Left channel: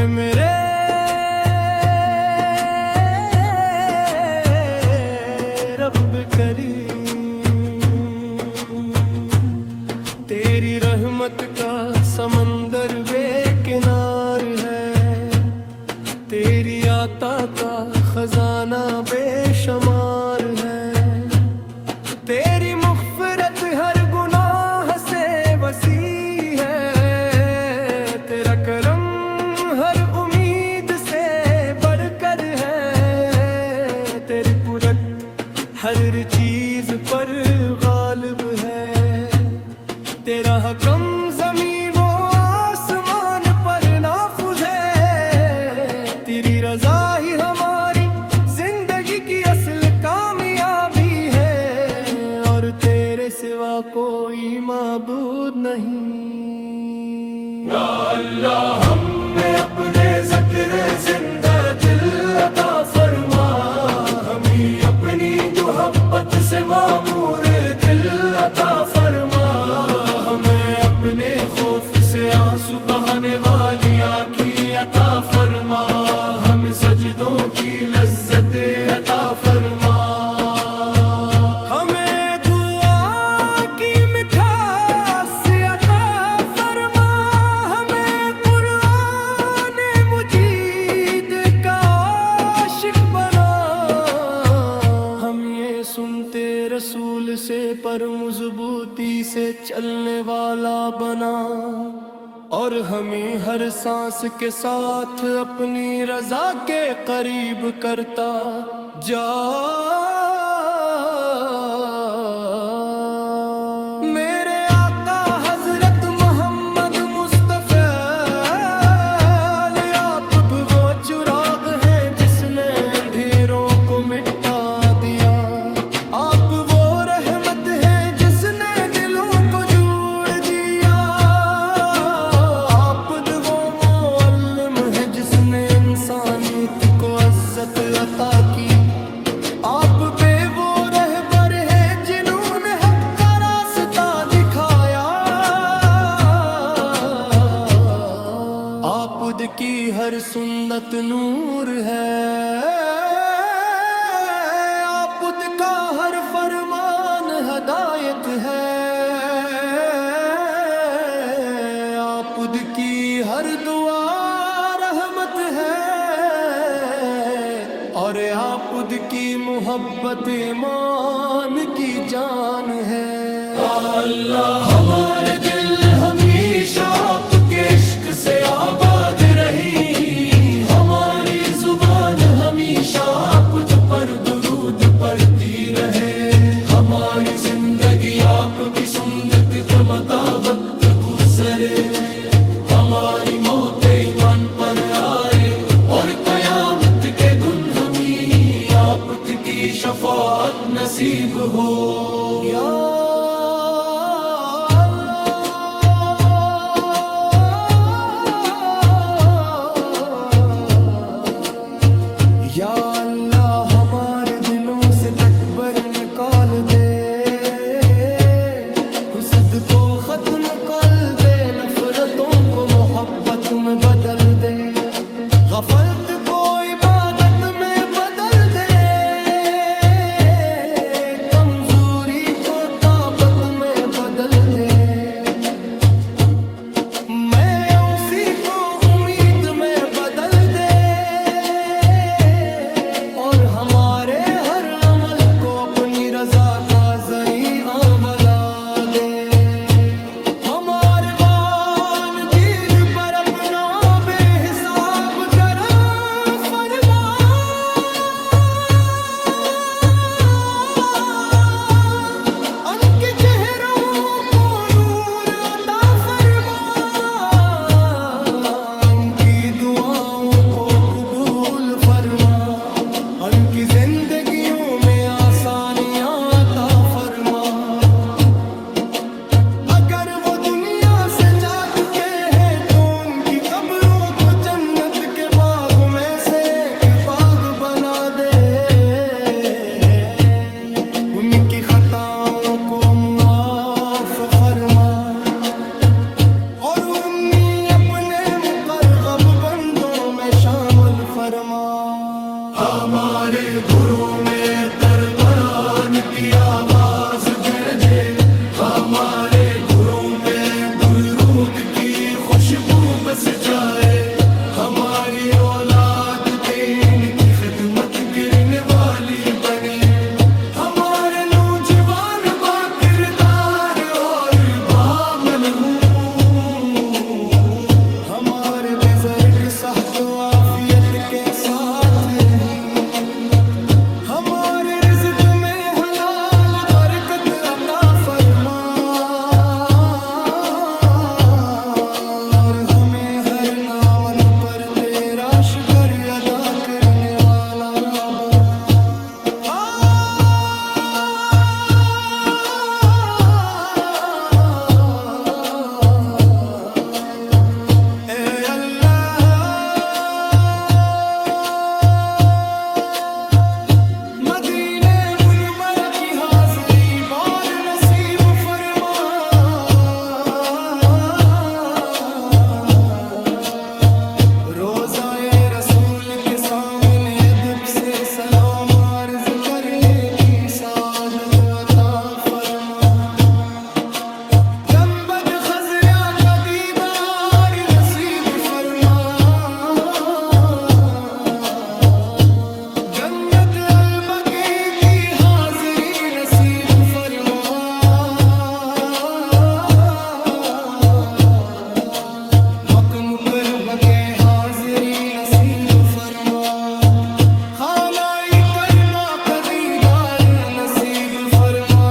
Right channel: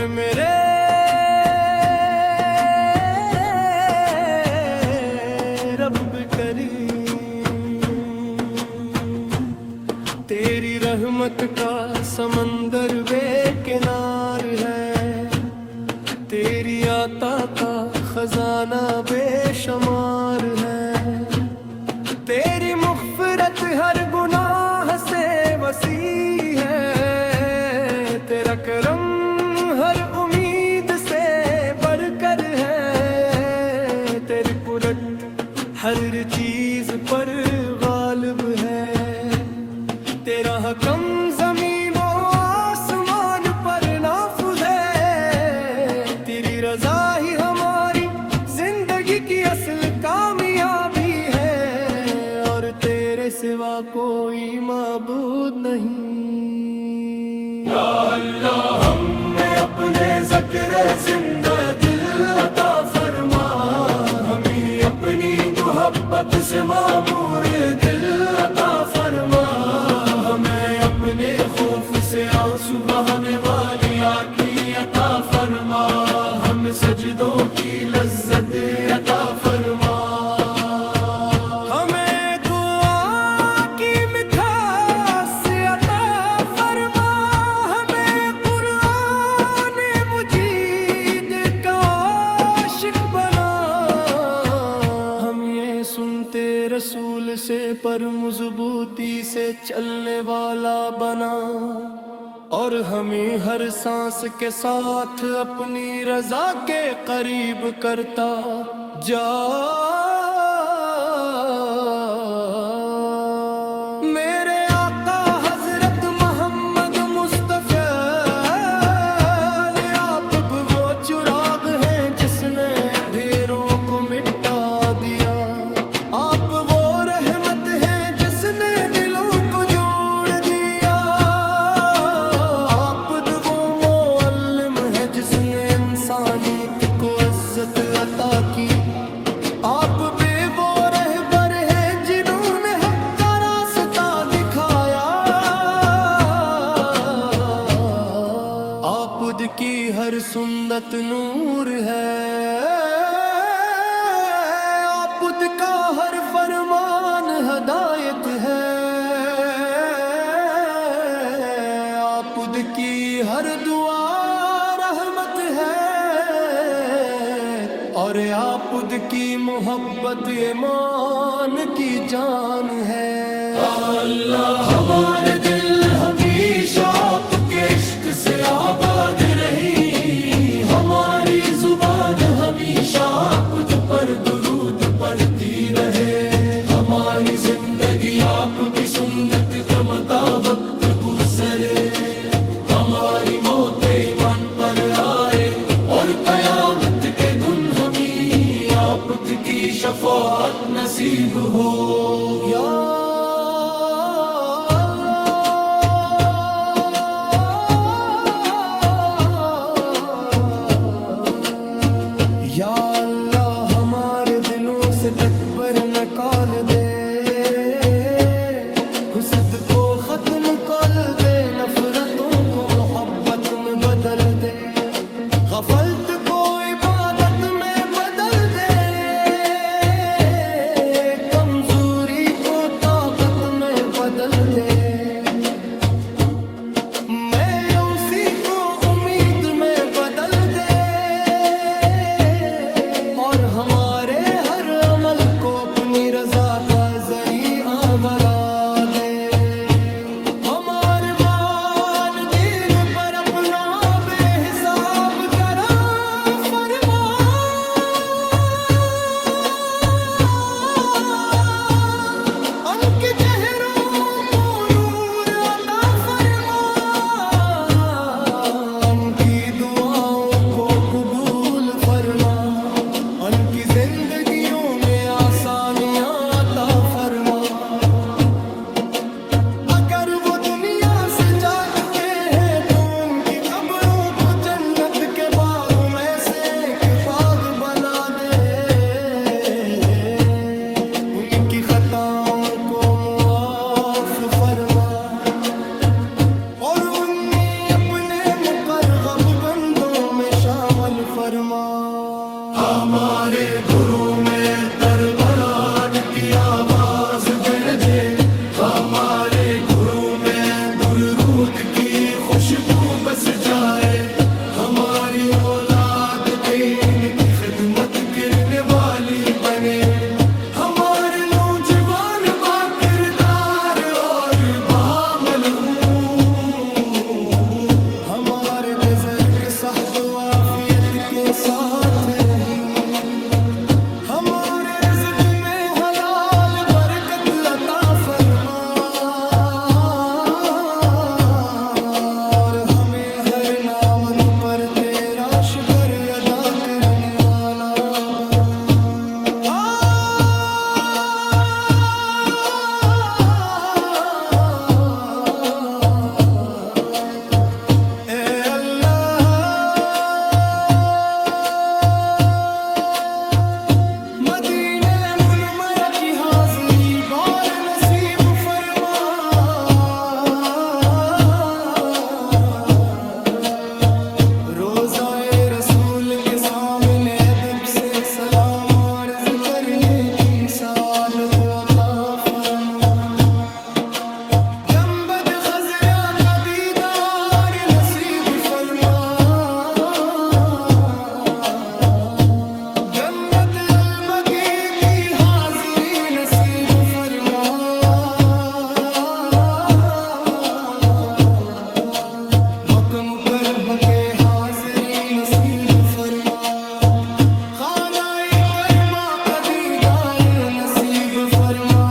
اے میرے رب کریم، تیری رحمت کا سمندر بے کنار ہے، تیری عطا کا خزانہ بے شمار ہے، تیری مغفرت ہر گناہ سے وسیع ہے، تیرا کرم ہر امید سے بڑھ کر ہے، تیری قدرت ہر چیز پر غالب ہے، تیرا حکم زمین و آسمان پر نافذ ہے، تیری رضا ہی ہماری زندگی کی اصل کامیابی ہے، اور تیرے سوا کوئی معبود نہیں۔ یا اللہ ہمیں اپنے ذکر زندہ دل عطا فرما، ہمیں اپنی محبت سے معمور دل عطا فرما، ہمیں اپنے خوف سے آنسو بہانے والی آنکھیں عطا فرما، ہمیں سجدوں کی لذت عطا فرما، ہمیں دعا کی مٹھاس عطا فرما، ہمیں قرآن مجید کا عاشق بنا، ہم یہ سنتے رسول سے پر مضبوطی سے چلنے والا بنا، اور ہمیں ہر سانس کے ساتھ اپنی رضا کے قریب کرتا جا۔ میرے آقا حضرت محمد مصطفیٰ، آپ وہ چراغ ہیں جس نے اندھیروں کو مٹا دیا، آپ وہ رحمت ہیں جس نے دلوں کو جوڑ دیا، آپ وہ معلم ہیں جس نے انسانیت کو عزت عطا کی، آپ پہ وہ رہبر ہیں جنہوں نے حق کا راستہ دکھایا، آپ کی ہر سنت نور ہے، آپ کا ہر فرمان ہدایت ہے، آپ کی ہر دعا رحمت ہے، اور آپ کی محبت ایمان کی جان ہے۔ اللہ ہمارے دل ہمیشہ آپ کے عشق سے آباد رہی، ہماری زبان ہمیشہ کچھ پر درود پڑھتی رہے، ہماری زندگی آپ کی سنت کے مطابق گزرے، ہماری موت ایمان پر آئے، اور قیامت کے دن ہمیں آپ کی شفاعت نصیب ہو۔ یا یا اللہ ہمارے دلوں سے تکبر نکال دے، حسد کو ختم کر دے، نفرتوں کو محبت میں بدل دے، غفلت کو عبادت میں بدل دے، کمزوری کو طاقت میں بدل دے، میں اسی کو امید میں بدل دے، اور ہمارے ہر عمل کو اپنی رضا کا ذریعہ بنا دے، ہمارے وان دین پر اپنا بے حساب کرم فرما، ان کے چہروں کو نور عطا فرما، ان کی دعاؤں کو قبول فرما، ان کی زندگیوں میں آسانیاں عطا فرما، اگر وہ دنیا سے جا چکے ہیں تو ان کی قبروں کو جنت کے باغ میں سے ایک باغ بنا دے، ان کی خطاؤں کو معاف فرما، اور انہیں اپنے مقرر مرغب بندوں میں شامل فرما ہمارے گھروں میں قربان کی آواز گرجے ہمارے گھروں میں درود کی خوشبو بس جائے ہماری اولاد دین کی خدمت کرنے والی بنے ہمارے نوجوان با کردار اور بعمل ہوں ہمارے بزرگ صحت و عافیت کے ساتھ رہیں ہمارے رزق میں حلال برکت عطا فرما اور ہمیں ہر نعمت پر تیرا شکر ادا کرنے والا بنا کے سامنے ادب سے سلام عرض کرنے کی سعادت عطا فرما گنبد خضرا کا دیدار نصیب فرما جنت البقیع کی حاضری نصیب فرما مکہ مکرمہ کے حاضری نصیب فرما خانہ کربا کا دیدار نصیب فرما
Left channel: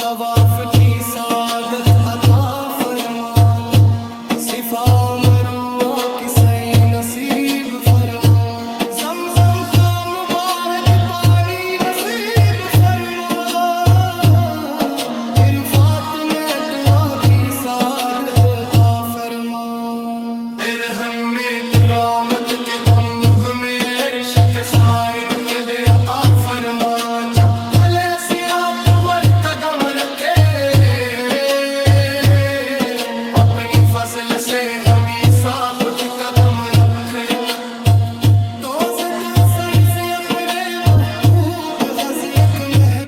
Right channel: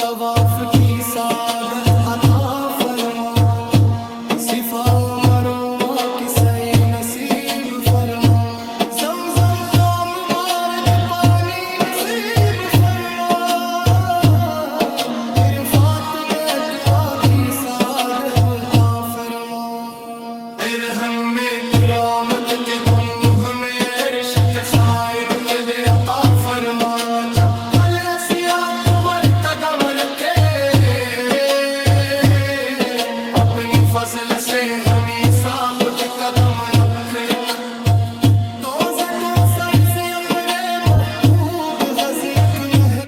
طواف کی سعادت عطا فرما صفا و مروہ کی سعی نصیب فرما زمزم کا مبارک پانی نصیب فرما عرفات میں دعا کی سعادت عطا فرما ارحم میں کرامت کے تم ہمیں عرش کے سائن کے دے عطا فرما جب بھلے سیاہ تمہر قدم رکھے اپنی فضل سے ہمیں ثابت قدم رکھے تو سے تو سر سے اپنے محبوب حضرت میں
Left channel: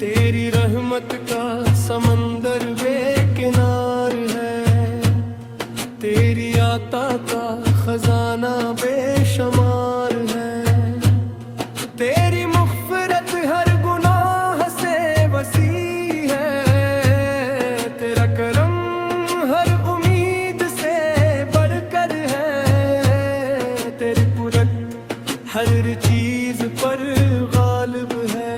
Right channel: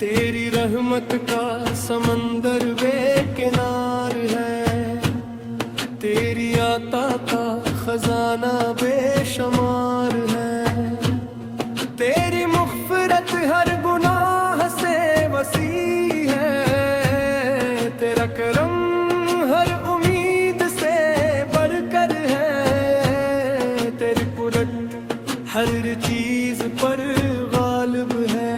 تیری رحمت کا سمندر بے کنار ہے تیری عطا کا خزانہ بے شمار ہے تیری مغفرت ہر گناہ سے وسیع ہے تیرا کرم ہر امید سے بڑھ کر ہے تیری قدرت ہر چیز پر غالب ہے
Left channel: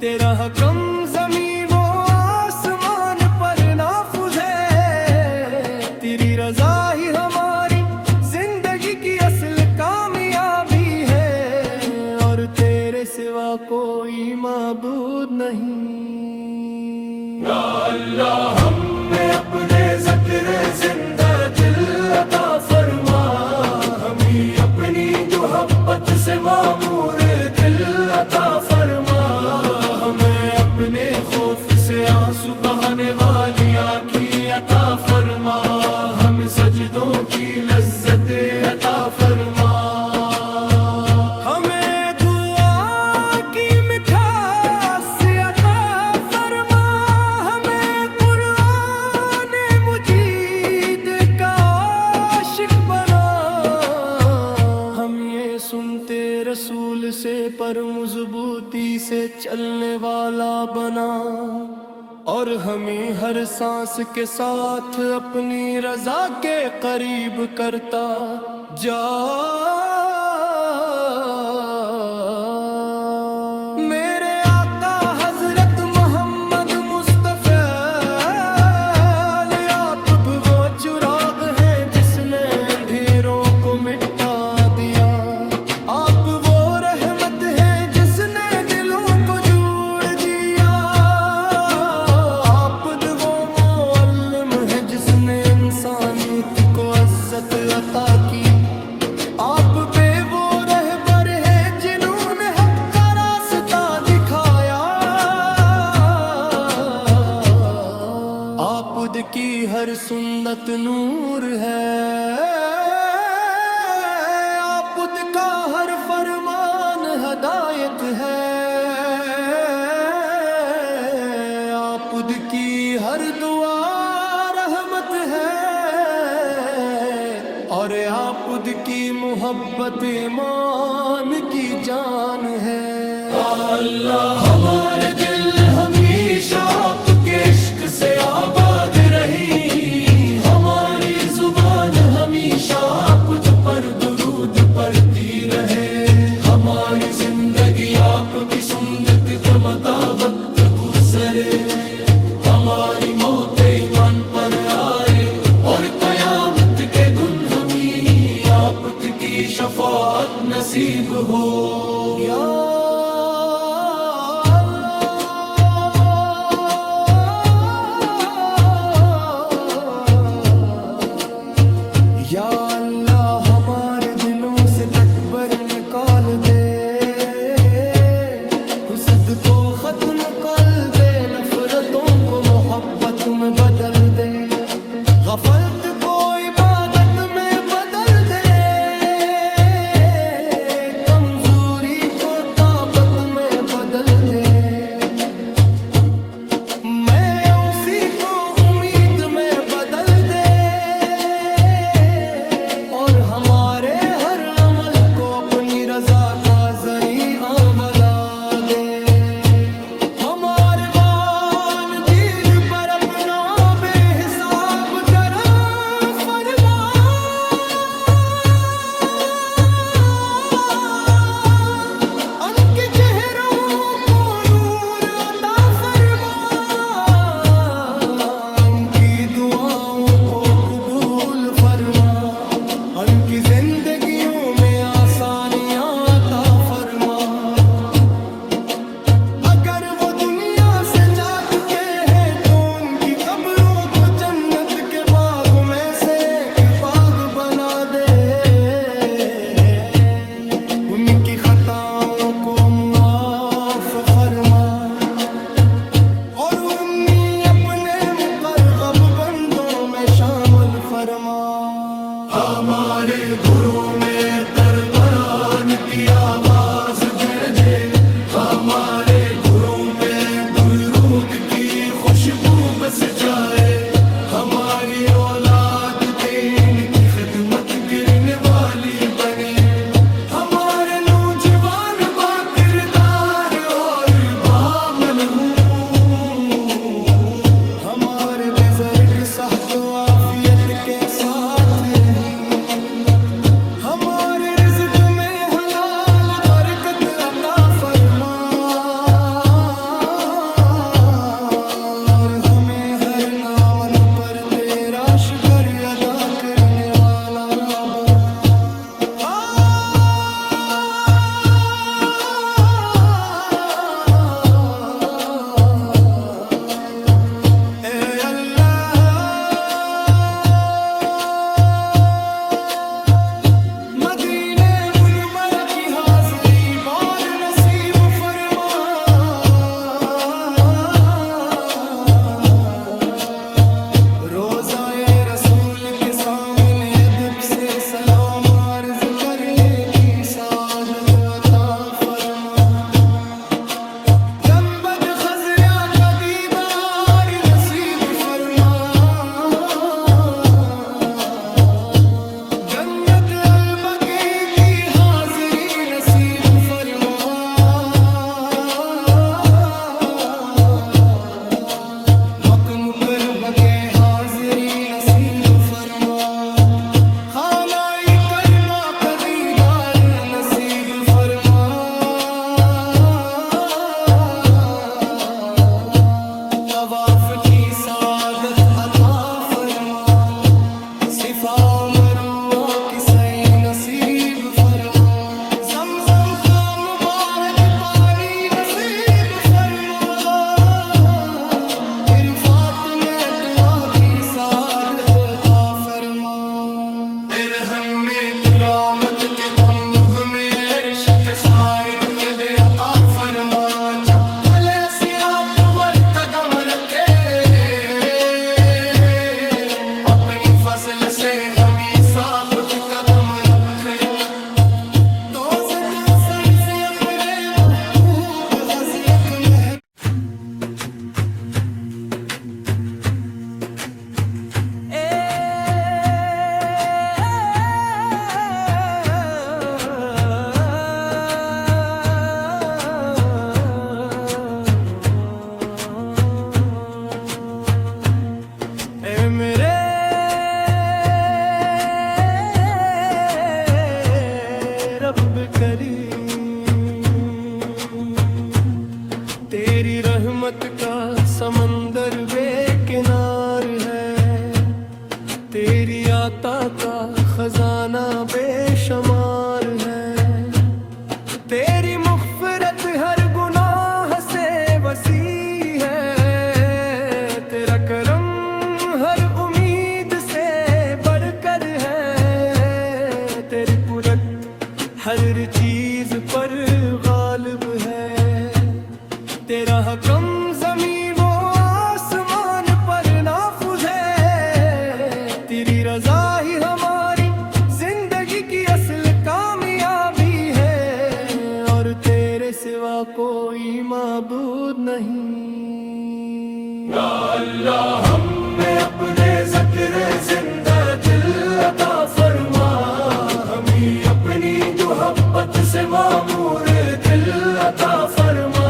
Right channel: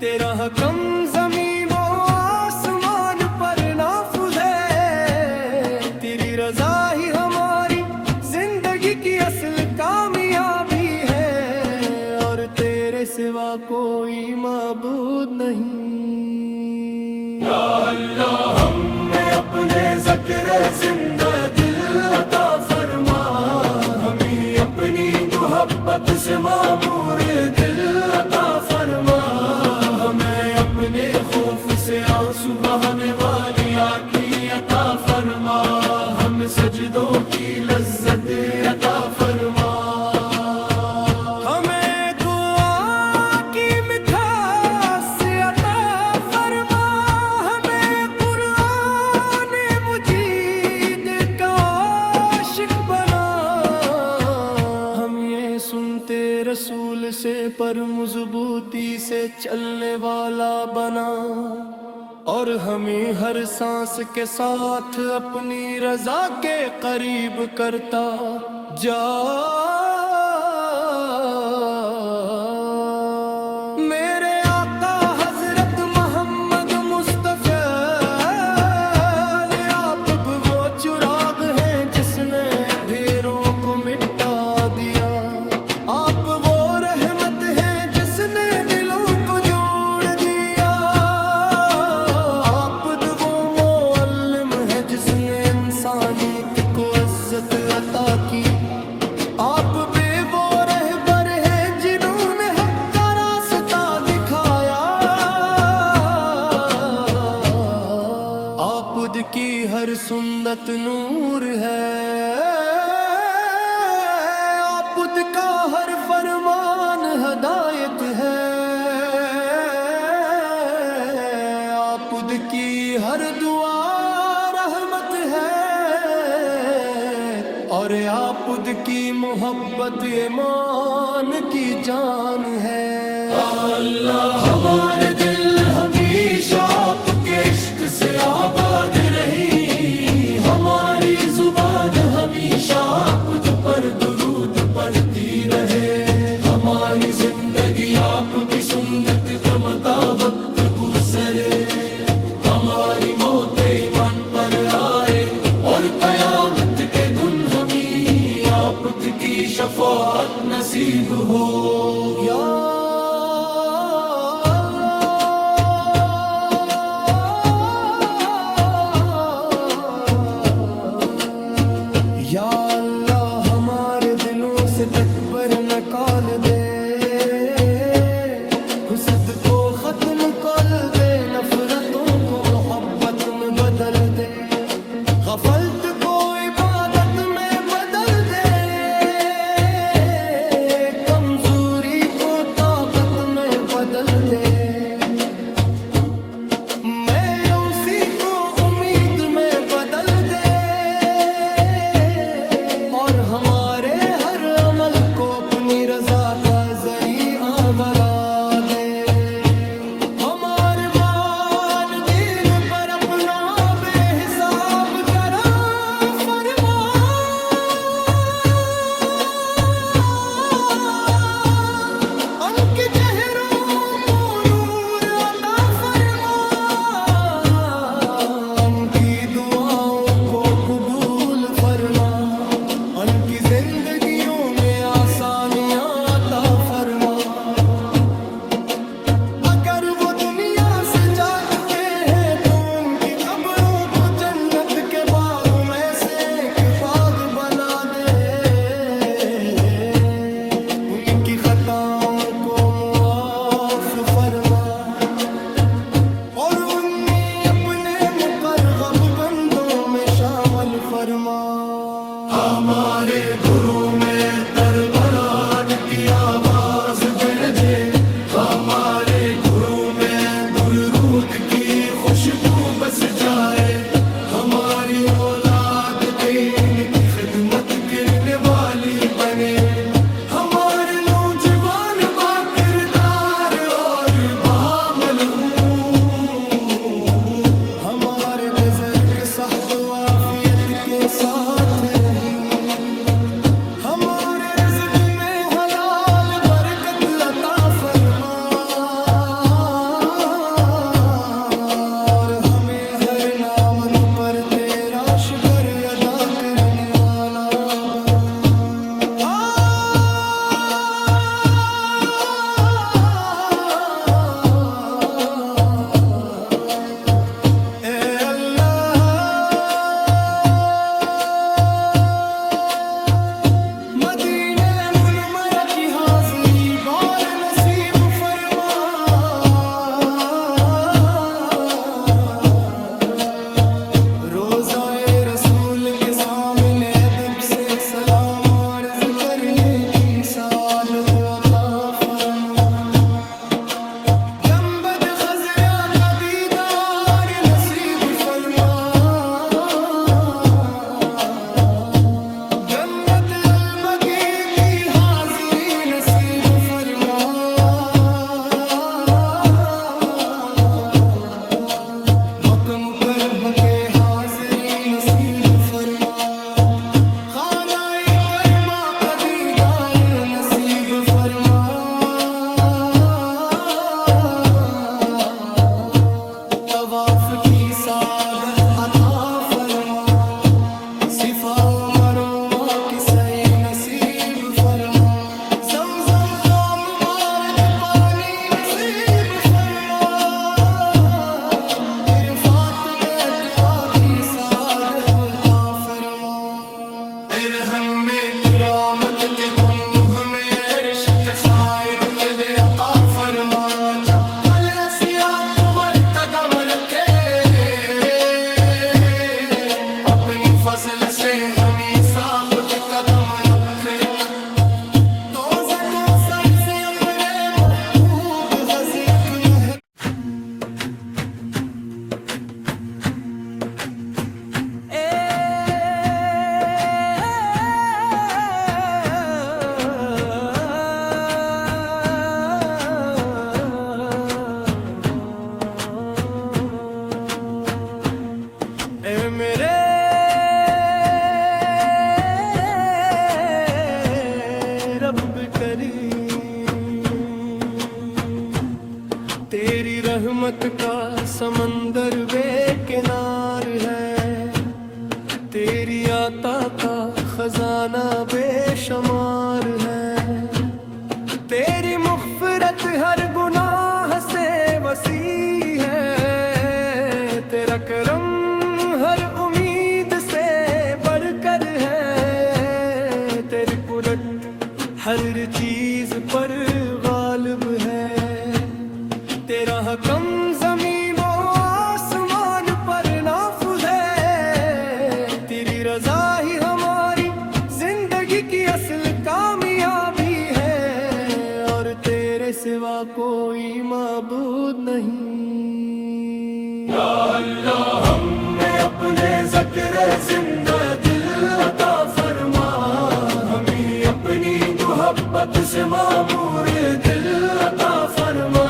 تیرا حکم زمین و آسمان پر نافذ ہے تیری رضا ہی ہماری زندگی کی اصل کامیابی ہے اور تیرے سوا کوئی معبود نہیں یا اللہ ہمیں اپنے ذکر زندہ دل عطا فرما ہمیں اپنی محبت سے معمور دل عطا فرما ہمیں اپنے خوف سے آنسو بہانے والی آنکھیں عطا فرما ہمیں سجدوں کی لذت عطا فرما ہمیں دعا کی مٹھاس عطا فرما ہمیں قرآن مجید کا عاشق بنا ہم یہ سنتے رسول سے پر مضبوطی سے چلنے والا بنا اور ہمیں ہر سانس کے ساتھ اپنی رضا کے قریب کرتا جا میرے آقا حضرت محمد مصطفیٰ عزت عطا کی، آپ پہ وہ رہبر ہیں جنہوں نے حق کا راستہ دکھایا، آپ کی ہر سنت نور ہے، آپ کا ہر فرمان ہدایت ہے، آپ کی ہر دعا رحمت ہے، اور آپ کی محبت ایمان کی جان ہے۔ اللہ ہمارے دل ہمیشہ آپ کے عشق سے آباد رہی، ہماری زبان ہمیشہ آپ پر درود پڑھتی رہے، ہماری زندگی آپ کی سنت کے مطابق گزرے، ہماری موت ایمان پر آئے، اور قیامت کے دن ہمیں آپ کی شفاعت نصیب ہو۔ یا یا اللہ ہمارے دلوں سے تکبر نکال دے، حسد کو ختم کر دے، نفرتوں کو محبت میں بدل دے، غفلت کو عبادت میں بدل دے، کمزوری کو طاقت میں بدل دے، میں اسی کو امید میں بدل دے، اور ہمارے ہر عمل کو اپنی رضا کا ذریعہ بنا دے، ہمارے وان دین پر اپنا بے حساب کرم فرما، ان کے چہروں کو نور عطا فرما، ان کی دعاؤں کو قبول فرما، ان کی زندگیوں میں آسانیاں عطا فرما، اگر وہ دنیا سے جا چکے ہیں تو ان کی قبروں کو جنت کے باغ میں سے ایک باغ بنا دے، ان کی خطاؤں کو معاف فرما، اور انہیں اپنے مقرب بندوں میں شامل فرما، ہمارے گھروں میں قربان کی آواز گرجے، ہمارے گھروں میں درود کی خوشبو بس جائے، ہماری اولاد دین کی خدمت کرنے والی بنے، ہمارے نوجوان با کردار اور بعمل ہوں، ہمارے بزرگ صحت و عافیت کے ساتھ رہیں، ہمارے رزق میں حلال برکت عطا فرما، اور ہمیں ہر نعمت پر تیرا شکر ادا کرنے والا بنا۔ کے سامنے ادب سے سلام عرض کرنے کی سعادت عطا فرما، گنبد خضرا کا دیدار نصیب فرما، جنت البقیع کی حاضری نصیب فرما، مکہ مکرمہ کے حاضری نصیب فرما، خانہ کربا کا دیدار نصیب فرما، طواف کی سعادت عطا فرما، صفا و مروہ کی سعی نصیب فرما، زمزم کا مبارک پانی نصیب فرما، عرفات میں دعا کی سعادت عطا فرما۔ منزل سے ہمیں ثابت قدم رکھ توزے تو سر سے اپنے محبوب حضرت میں ہے میرے رب کریم تیری رحمت کا سمندر بے کنار ہے تیری عطا کا خزانہ بے شمار ہے تیری مغفرت ہر گناہ سے وسیع ہے تیرا کرم ہر امید سے بڑھ کر ہے تیری قدرت ہر چیز پر غالب ہے تیرا حکم زمین و آسمان پر نافذ ہے تیری رضا ہی ہماری زندگی کی اصل کامیابی ہے اور تیرے سوا کوئی معبود نہیں یا اللہ ہمیں اپنے ذکر زندہ دل عطا فرما ہمیں اپنی محبت سے معمور دل عطا فرما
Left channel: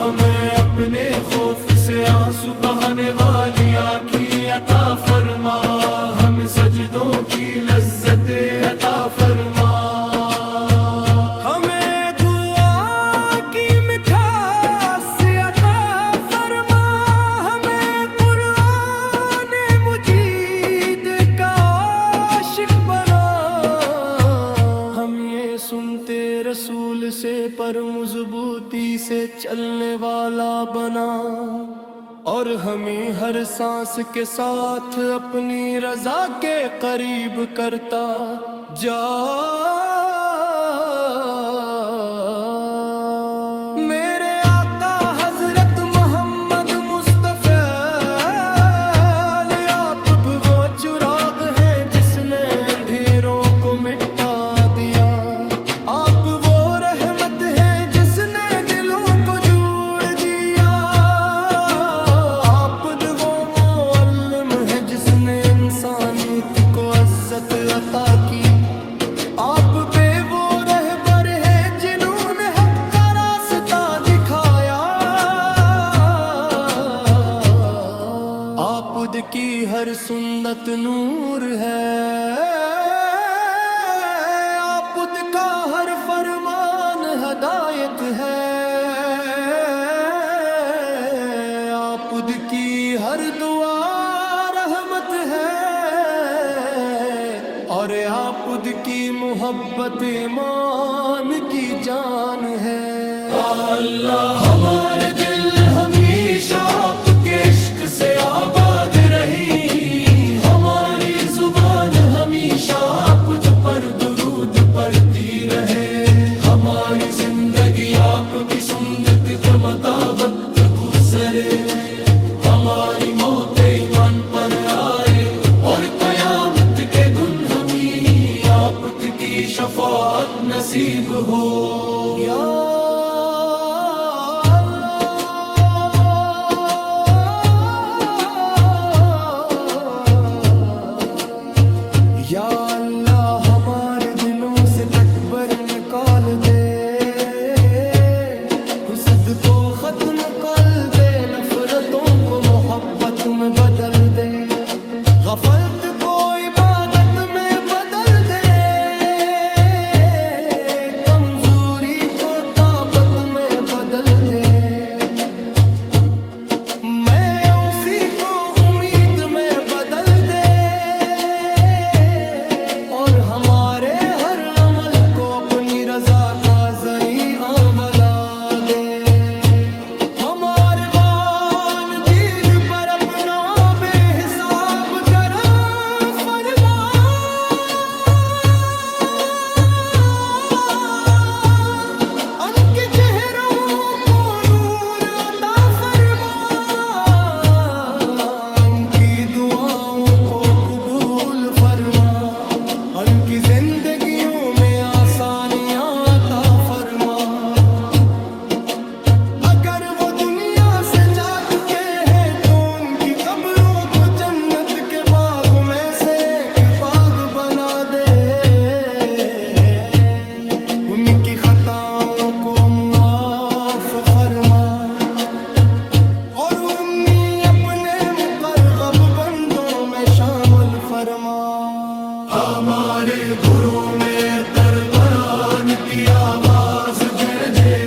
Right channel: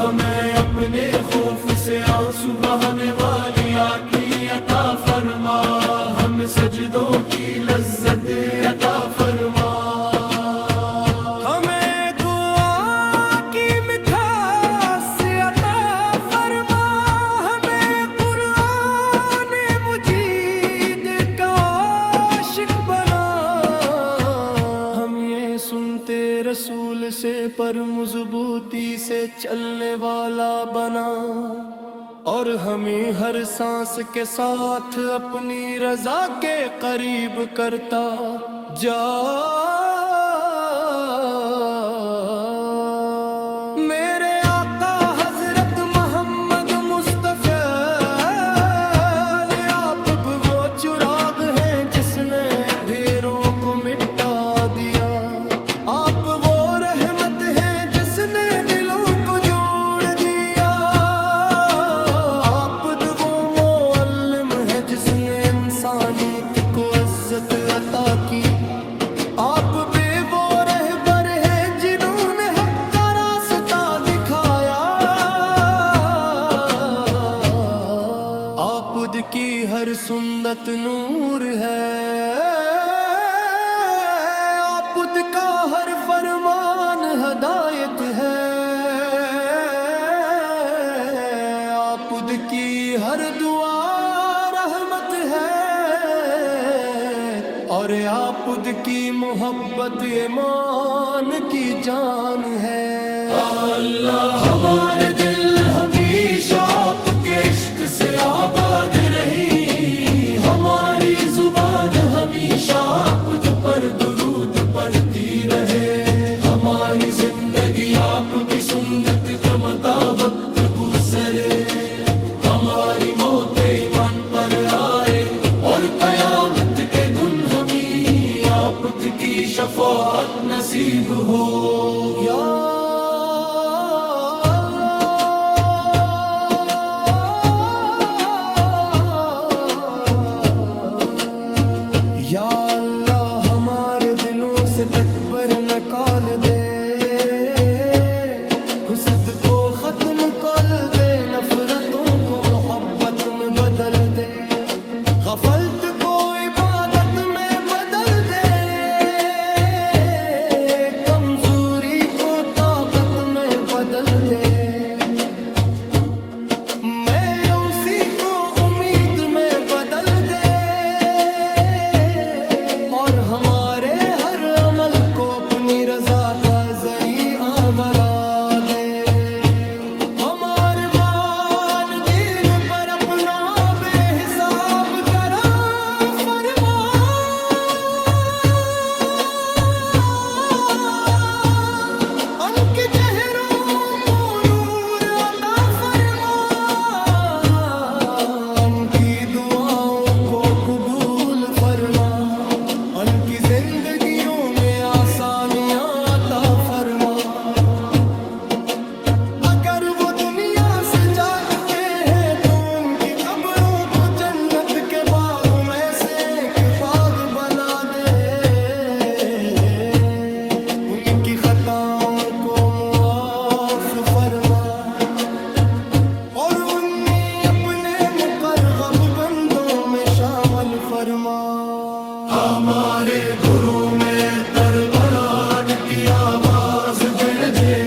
ہمیں اپنے خوف سے آنسو بہانے والی آنکھیں عطا فرما ہمیں سجدوں کی لذت عطا فرما ہمیں دعا کی مٹھاس عطا فرما ہمیں قرآن مجید کا عاشق بنا ہم یہ سنتے رسول سے پر مضبوطی سے چلنے والا بنا اور ہمیں ہر سانس کے ساتھ اپنی رضا کے قریب کرتا جا میرے آقا حضرت محمد مصطفیٰ آپ وہ چراغ ہیں جس نے اندھیروں کو مٹا دیا آپ وہ رحمت ہیں جس نے دلوں کو جوڑ دیا آپ وہ معلم ہیں جس نے انسانیت کو عزت عطا کی آپ پہ وہ رہبر ہیں جنہوں نے حق کا راستہ دکھایا آپ کی ہر سنت نور ہے آپ کا ہر فرمان ہدایت ہے آپ کی ہر دعا رحمت ہے اور آپ کی محبت ایمان کی جان ہے اللہ ہمارے دل ہمیشہ آپ کے عشق سے آباد رہی ہماری زبان ہمیشہ آپ پر درود پڑھتی رہے ہماری زندگی آپ کی سنت کے مطابق گزرے ہماری موت ایمان پر آئے اور قیامت کے دن ہمیں آپ کی شفاعت نصیب ہو یا یا اللہ ہمارے دلوں سے تکبر نکال دے حسد کو ختم کر دے نفرتوں کو محبت میں بدل دے غفلت کو عبادت میں بدل دے کمزوری کو طاقت میں بدل دے میں اسی کو امید میں بدل دے اور ہمارے ہر عمل کو اپنی رضا کا ذریعہ بنا دے ہمارے وان دین پر اپنا بے حساب کرم فرما ان کے چہروں کو ان کی زندگیوں میں آسانیاں عطا فرما۔ اگر وہ دنیا سے جا چکے ہیں تو ان کی قبروں کو جنت کے باغوں میں سے ایک باغ بنا دے، ان کی خطاؤں کو معاف فرما، اور انہیں اپنے مقرب بندوں میں شامل فرما۔ ہمارے گھروں میں قربان کی آواز گرجے،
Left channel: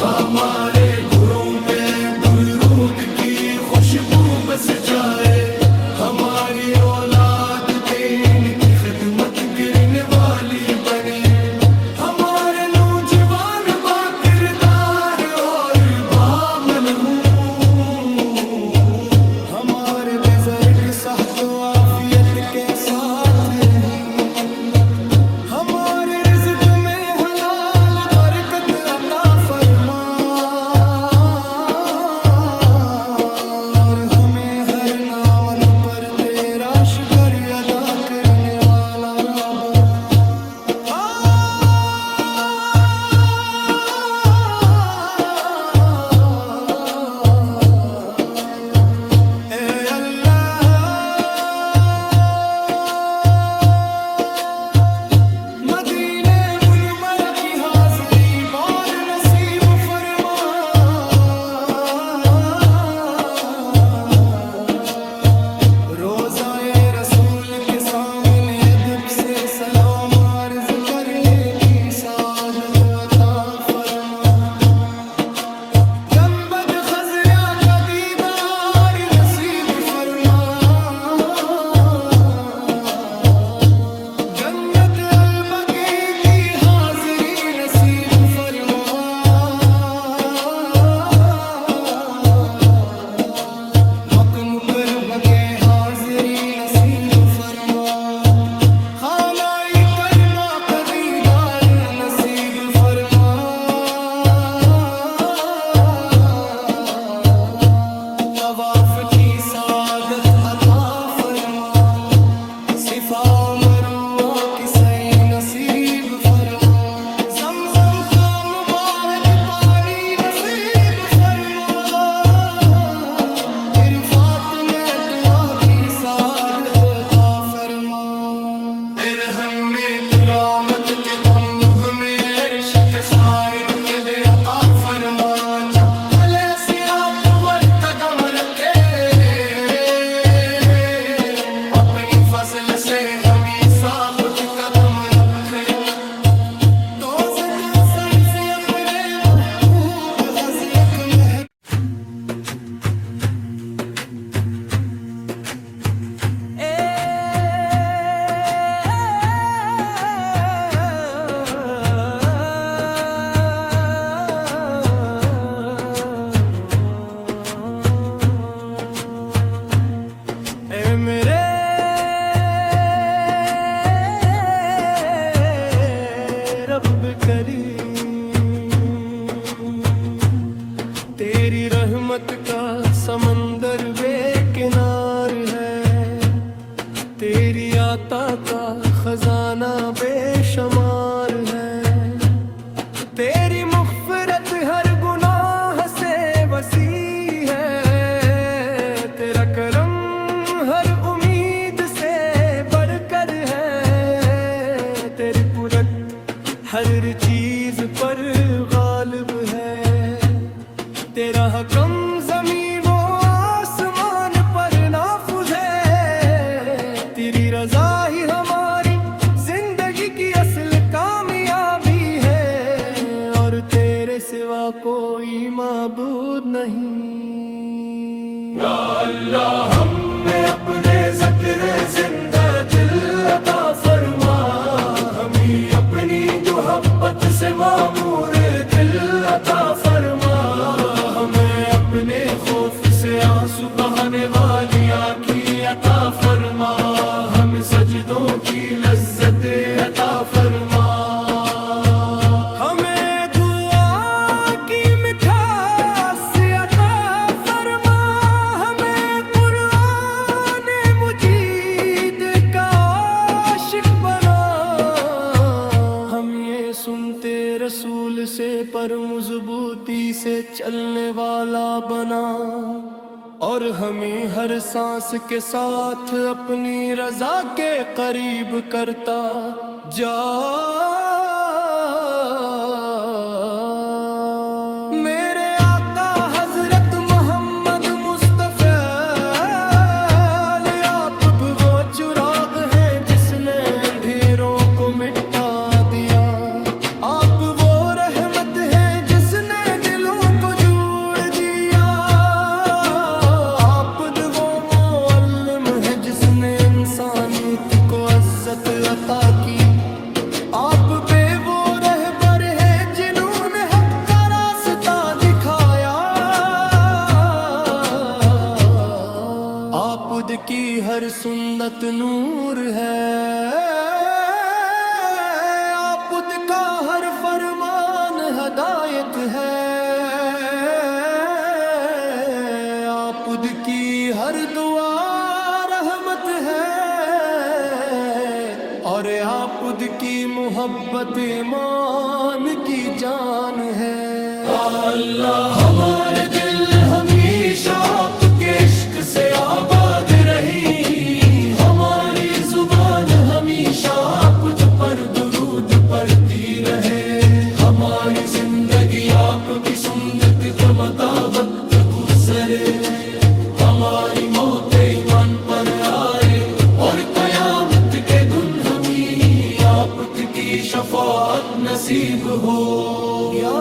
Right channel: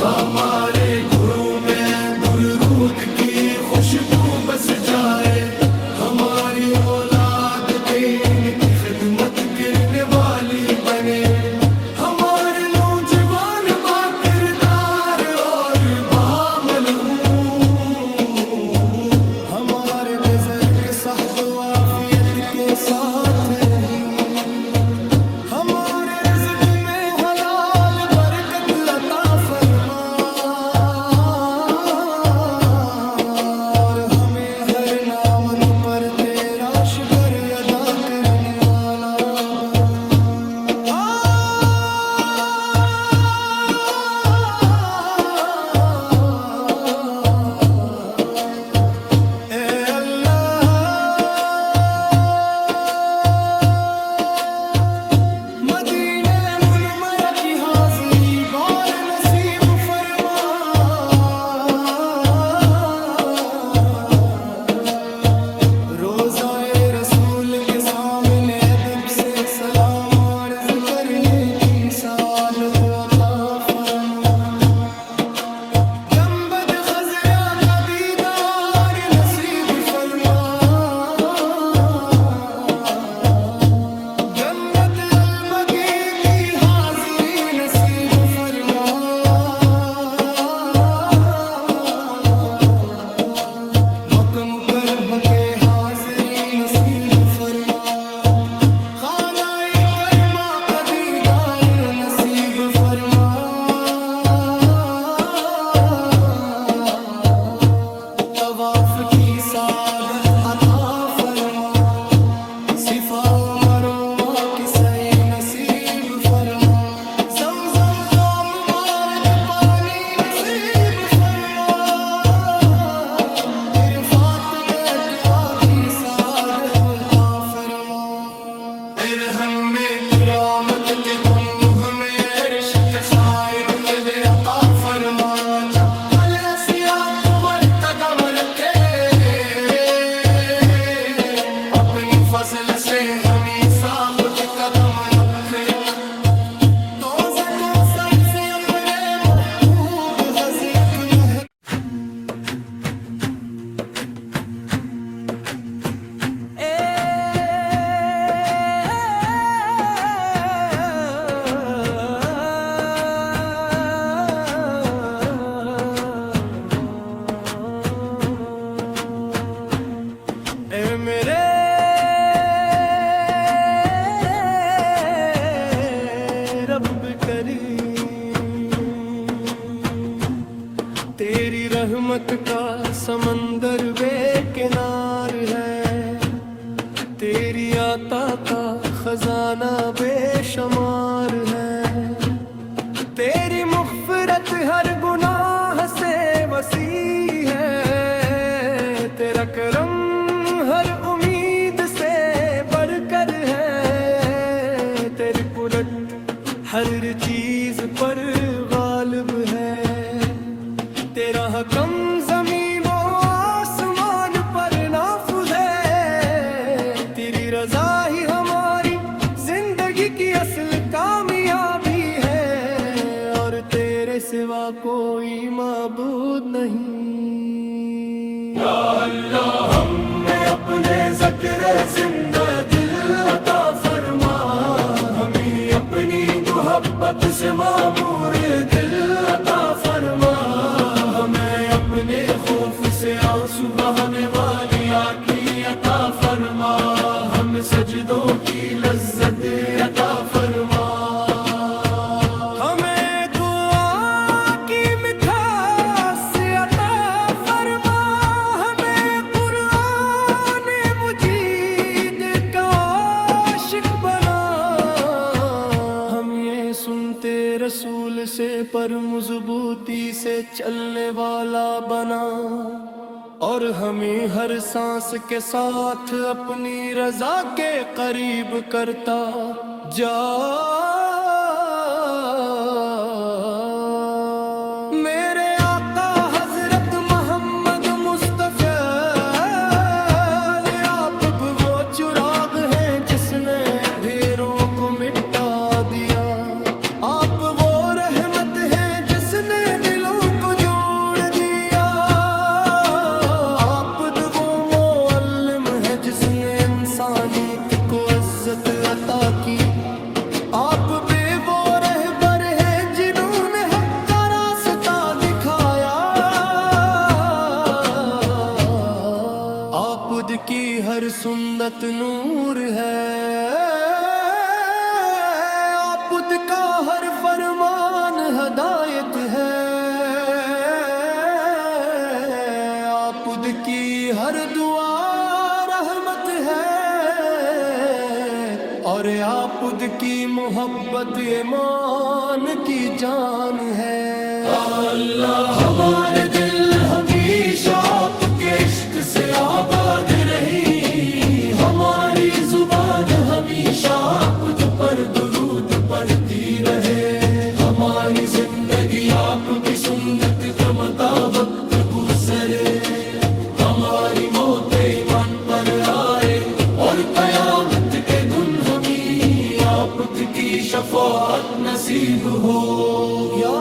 ہمارے گھروں میں درود کی خوشبو بس جائے، ہماری اولاد دین کی خدمت کرنے والی بنے، ہمارے نوجوان با کردار اور بعمل ہوں، ہمارے بزرگ صحت و عافیت کے ساتھ رہیں، ہمارے رزق میں حلال برکت عطا فرما، اور ہمیں ہر نعمت پر تیرا شکر ادا کرنے والا بنا۔ روضائے رسول کے سامنے ادب سے سلام عرض کرنے کی سعادت عطا فرما، گنبد خضرا کا دیدار نصیب فرما، جنت البقیع کی حاضری نصیب فرما، مکہ مکرمہ کے حاضری نصیب فرما، خانہ کربا کا دیدار نصیب فرما، طواف کی سعادت عطا فرما، صفا و مروہ کی سعی نصیب فرما، زمزم کا مبارک پانی نصیب فرما، عرفات میں دعا کی سعادت عطا فرما، ارحم میں کرامت کے تم ہمیں عرش کے سائن کے عطا فرما، جب پلے سیاہ تمہر قدم رکھے، اپنی فضل سے ہمیں ثابت قدم رکھ، تو سے تو سر سے اپنے محبوب حضرت میں میرے رب کریم، تیری رحمت کا سمندر بے کنار ہے، تیری عطا کا خزانہ بے شمار ہے، تیری مغفرت ہر گناہ سے وسیع ہے، تیرا کرم ہر امید سے بڑھ کر ہے، تیری قدرت ہر چیز پر غالب ہے، تیرا حکم زمین و آسمان پر نافذ ہے، تیری رضا ہی ہماری زندگی کی اصل کامیابی ہے، اور تیرے سوا کوئی معبود نہیں۔ یا اللہ ہمیں اپنے ذکر زندہ دل عطا فرما، ہمیں اپنی محبت سے معمور دل عطا فرما، ہمیں اپنے خوف سے آنسو بہانے والی آنکھیں عطا فرما، ہمیں سجدوں کی لذت عطا فرما، ہمیں دعا کی مٹھاس عطا فرما، ہمیں قرآن مجید کا عاشق بنا، سے پر مضبوطی سے چلنے والا بنا، اور ہمیں ہر سانس کے ساتھ اپنی رضا کے قریب کرتا جا۔ میرے آقا حضرت محمد مصطفیٰ، آپ وہ چراغ ہیں جس نے اندھیروں کو مٹا دیا، آپ وہ رحمت ہیں جس نے دلوں کو جوڑ دیا، آپ وہ معلم ہیں جس نے انسانیت کو عزت عطا کی، آپ پہ وہ رہبر ہیں جنہوں نے حق کا راستہ دکھایا، آپ کی ہر سنت نور ہے، آپ کا ہر فرمان ہدایت ہے، آپ کی ہر دعا رحمت ہے، اور آپ کی محبت ایمان کی جان ہے۔ اللہ ہمارے دل ہمیشہ آپ کے عشق سے آباد رہی، ہماری زبان ہمیشہ آپ پر درود پڑھتی رہے، ہماری زندگی آپ کی سنت کے مطابق گزرے، ہماری موت ایمان پر آئے، اور قیامت کے دن ہمیں آپ کی شفاعت نصیب ہو۔ یا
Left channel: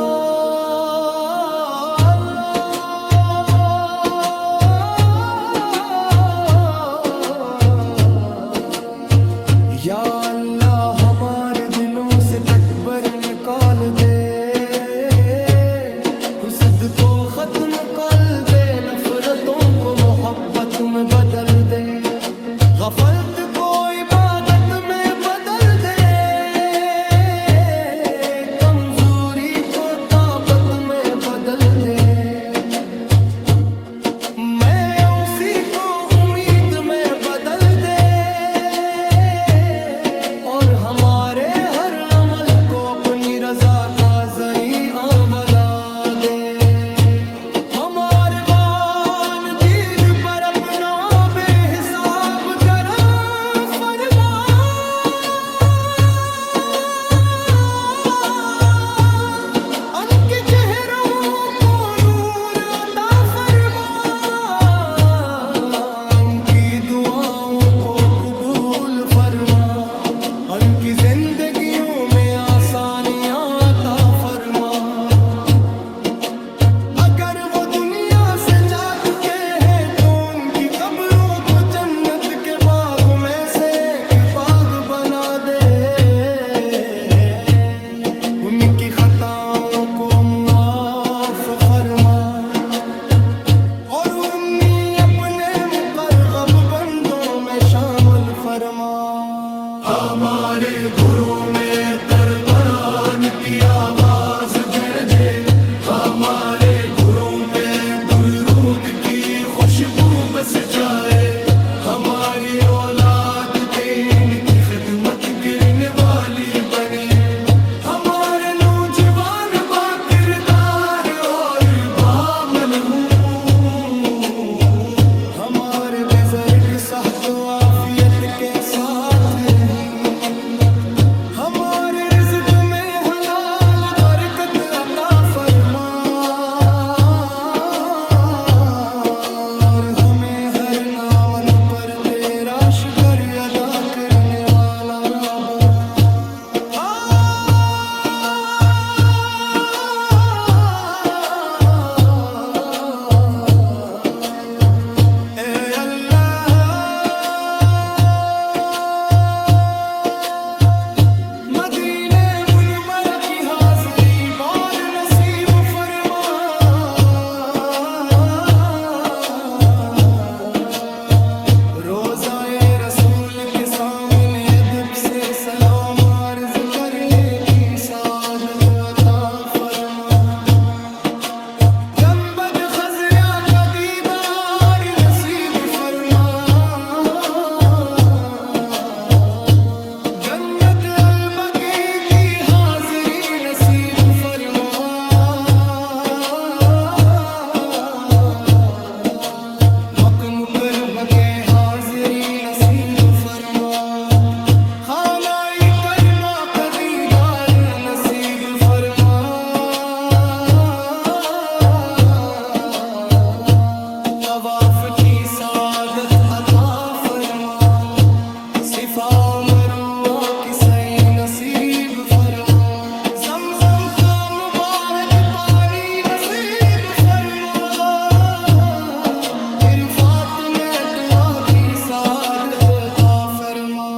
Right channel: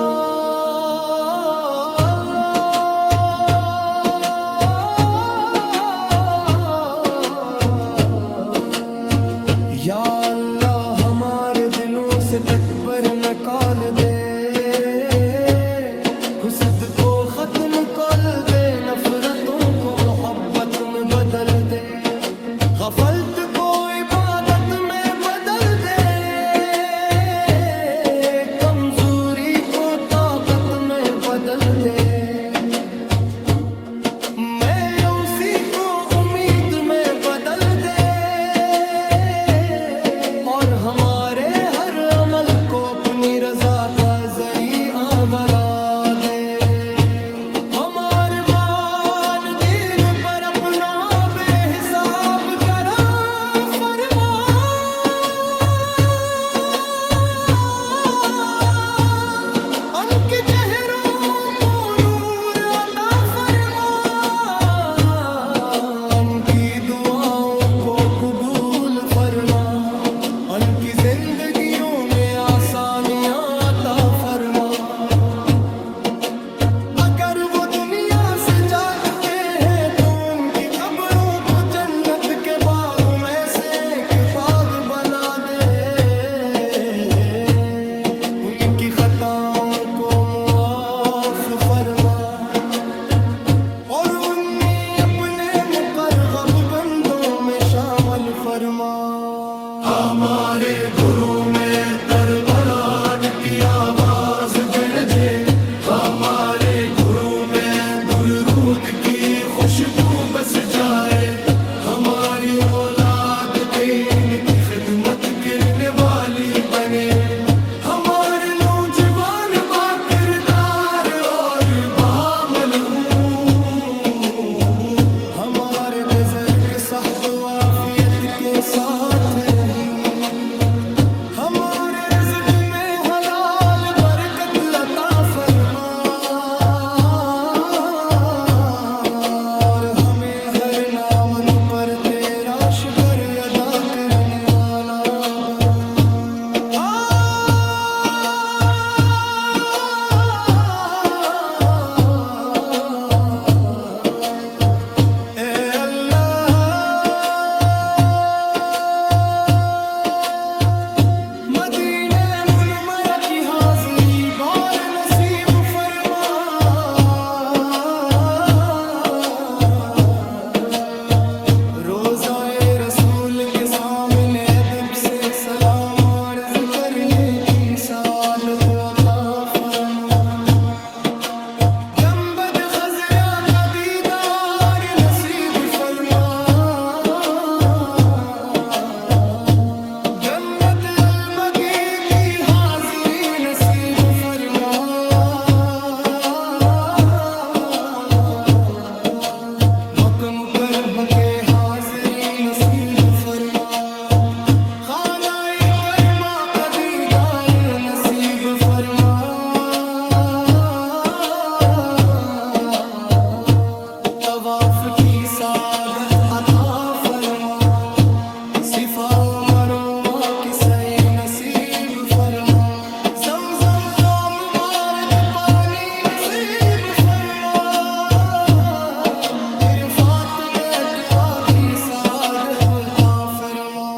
یا اللہ ہمارے دلوں سے تکبر نکال دے، حسد کو ختم کر دے، نفرتوں کو محبت میں بدل دے، غفلت کو عبادت میں بدل دے، کمزوری کو طاقت میں بدل دے، میں اسی کو امید میں بدل دے، اور ہمارے ہر عمل کو اپنی رضا کا ذریعہ بنا دے، ہمارے وان دین پر اپنا بے حساب کرم فرما، ان کے چہروں کو نور عطا فرما، ان کی دعاؤں کو قبول فرما، ان کی زندگیوں میں آسانیاں عطا فرما، اگر وہ دنیا سے جا چکے ہیں تو ان کی قبروں کو جنت کے باغوں میں سے ایک باغ بنا دے، ان کی خطاؤں کو معاف فرما، اور انہیں اپنے مقرب بندوں میں شامل فرما۔ ہمارے گھروں میں قربان کی آواز گرجے، ہمارے گھروں میں درود کی خوشبو بس جائے، ہماری اولاد دین کی خدمت کرنے والی بنے، ہمارے نوجوان با کردار اور بعمل ہوں، ہمارے بزرگ صحت و عافیت کے ساتھ رہیں، ہمارے رزق میں حلال برکت عطا فرما، اور ہمیں ہر نعمت پر تیرا شکر ادا کرنے والا بنا۔ رسول کے سامنے ادب سے سلام عرض کرنے کی سعادت عطا فرما، گنبد خضرا کا دیدار نصیب فرما، جنت البقیع کی حاضری نصیب فرما۔ پاک مکرم کے حاضری نصیب فرما خانہ کربا کا دیدار نصیب فرما طواف کی سعادت عطا فرما صفا و مروہ کی سعی نصیب فرما زمزم کا مبارک پانی نصیب فرما عرفات میں دعا کی سعادت عطا فرما